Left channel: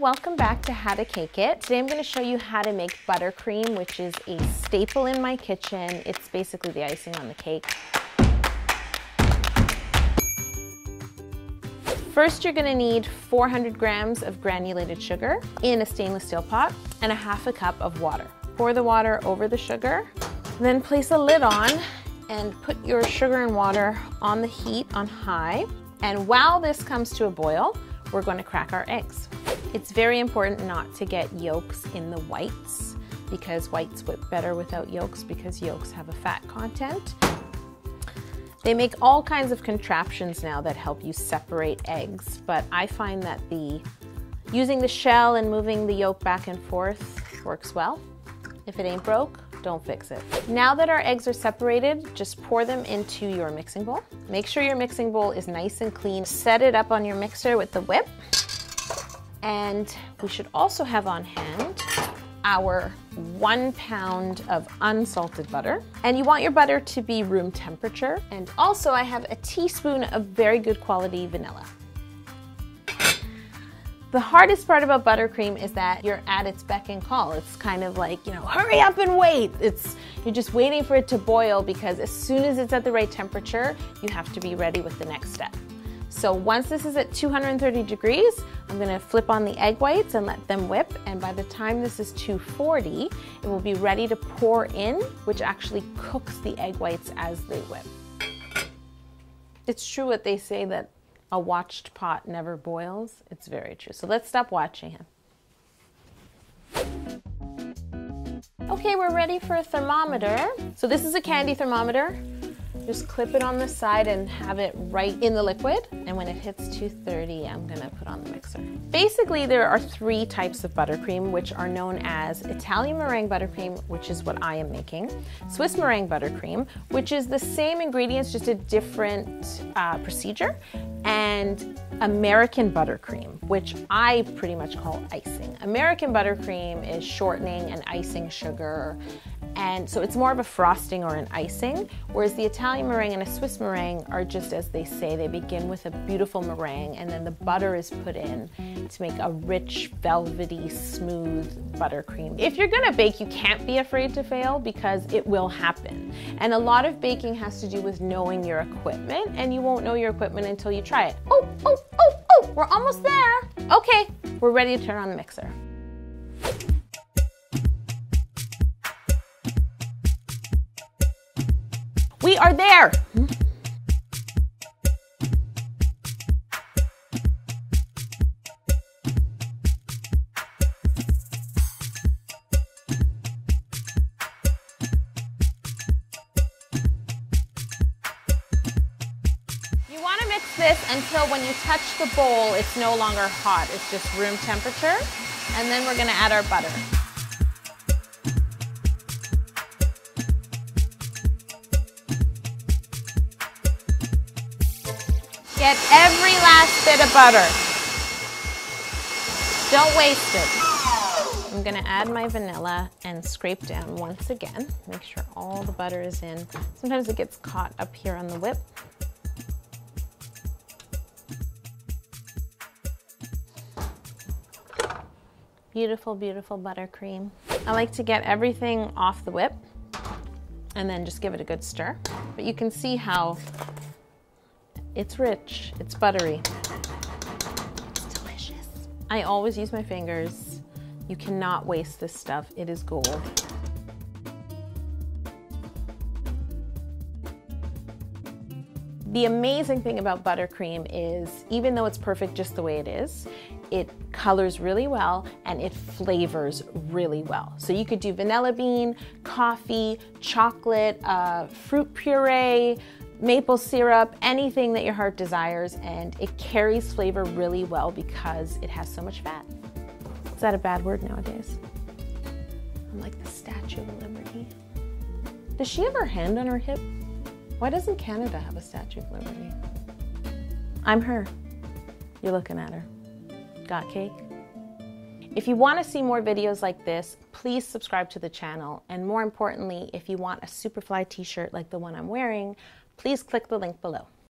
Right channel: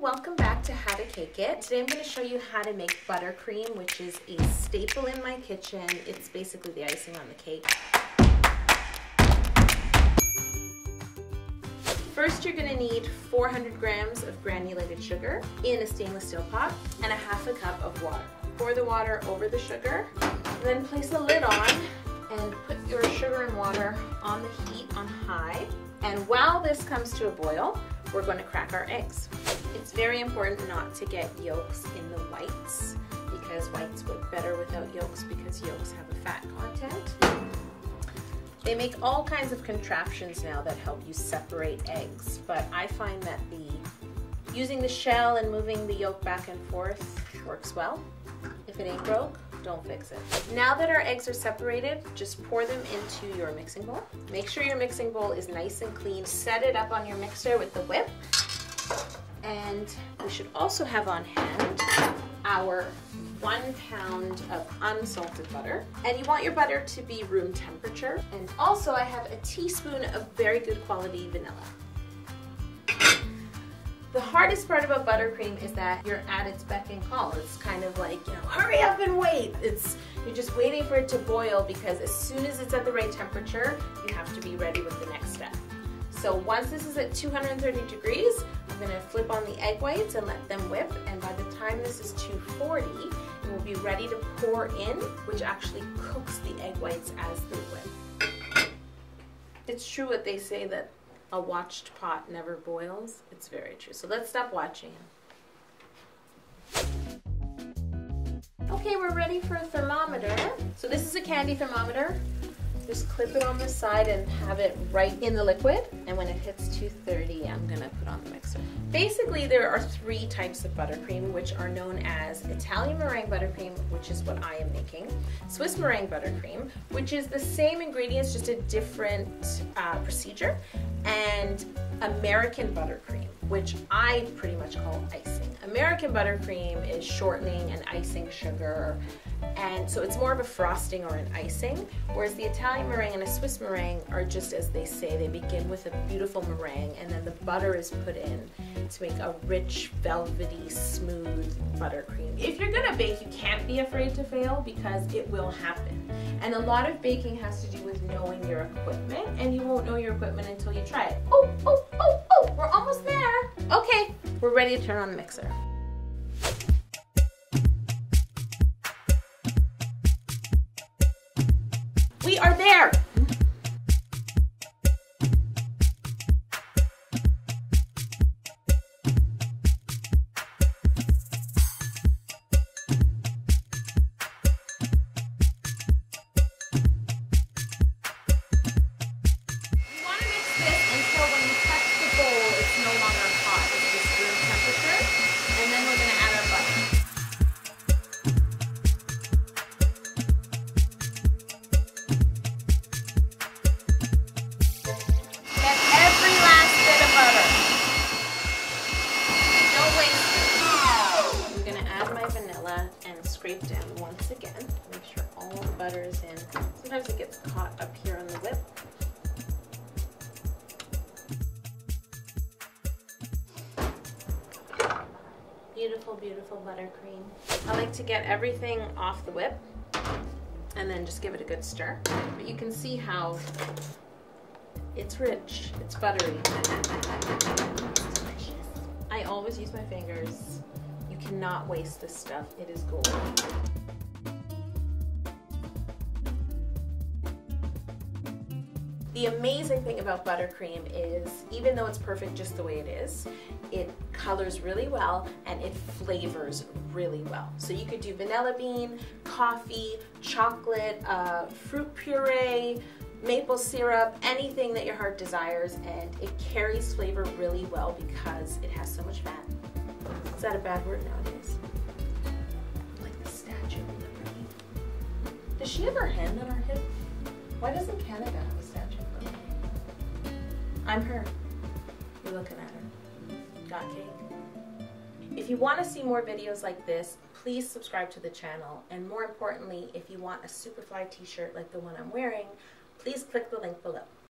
Welcome back to How to Cake It. Today I'm going to show you how to make buttercream, which is a staple in my kitchen. It's basically the icing on the cake. First, you're going to need 400 grams of granulated sugar in a stainless steel pot and a half a cup of water. Pour the water over the sugar, then place a lid on and put your sugar and water on the heat on high. And while this comes to a boil, we're going to crack our eggs. It's very important not to get yolks in the whites because whites whip better without yolks because yolks have a fat content. They make all kinds of contraptions now that help you separate eggs, but I find that using the shell and moving the yolk back and forth works well. If it ain't broke, don't fix it. Now that our eggs are separated, just pour them into your mixing bowl. Make sure your mixing bowl is nice and clean. Set it up on your mixer with the whip. And we should also have on hand our 1 pound of unsalted butter. And you want your butter to be room temperature. And also I have a teaspoon of very good quality vanilla. The hardest part about buttercream is that you're at its beck and call. It's kind of like, hurry up and wait. You're just waiting for it to boil because as soon as it's at the right temperature, you have to be ready with the next step. So once this is at 230 degrees, I'm gonna flip on the egg whites and let them whip. And by the time this is 240, it will be ready to pour in, which actually cooks the egg whites as they whip. It's true what they say that a watched pot never boils. It's very true. So let's stop watching him. Okay, we're ready for a thermometer. So this is a candy thermometer. Just clip it on the side and have it right in the liquid. And when it hits 230, I'm gonna put on the mixer. Basically, there are 3 types of buttercream, which are known as Italian Meringue Buttercream, which is what I am making, Swiss Meringue Buttercream, which is the same ingredients, just a different procedure, and American Buttercream, which I pretty much call icing. American Buttercream is shortening and icing sugar, and so it's more of a frosting or an icing, whereas the Italian meringue and a Swiss meringue are just as they say. They begin with a beautiful meringue and then the butter is put in to make a rich, velvety, smooth buttercream. If you're gonna bake, you can't be afraid to fail because it will happen. And a lot of baking has to do with knowing your equipment, and you won't know your equipment until you try it. Oh, we're almost there. Okay, we're ready to turn on the mixer. We are there. You want to mix this until when you touch the bowl, it's no longer hot. It's just room temperature. And then we're going to add our butter. Get every last bit of butter. Don't waste it. I'm gonna add my vanilla and scrape down once again. Make sure all the butter is in. Sometimes it gets caught up here on the whip. Beautiful, beautiful buttercream. I like to get everything off the whip and then just give it a good stir. But you can see how it's rich, it's buttery. It's delicious. I always use my fingers. You cannot waste this stuff. It is gold. The amazing thing about buttercream is, even though it's perfect just the way it is, it colors really well and it flavors really well. So you could do vanilla bean, coffee, chocolate, fruit puree, maple syrup, anything that your heart desires, and it carries flavor really well because it has so much fat. Is that a bad word nowadays? I'm like the Statue of Liberty. Does she have her hand on her hip? Why doesn't Canada have a Statue of Liberty? I'm her. You're looking at her. Got cake? If you want to see more videos like this, please subscribe to the channel. And more importantly, if you want a Superfly t-shirt like the one I'm wearing, please click the link below.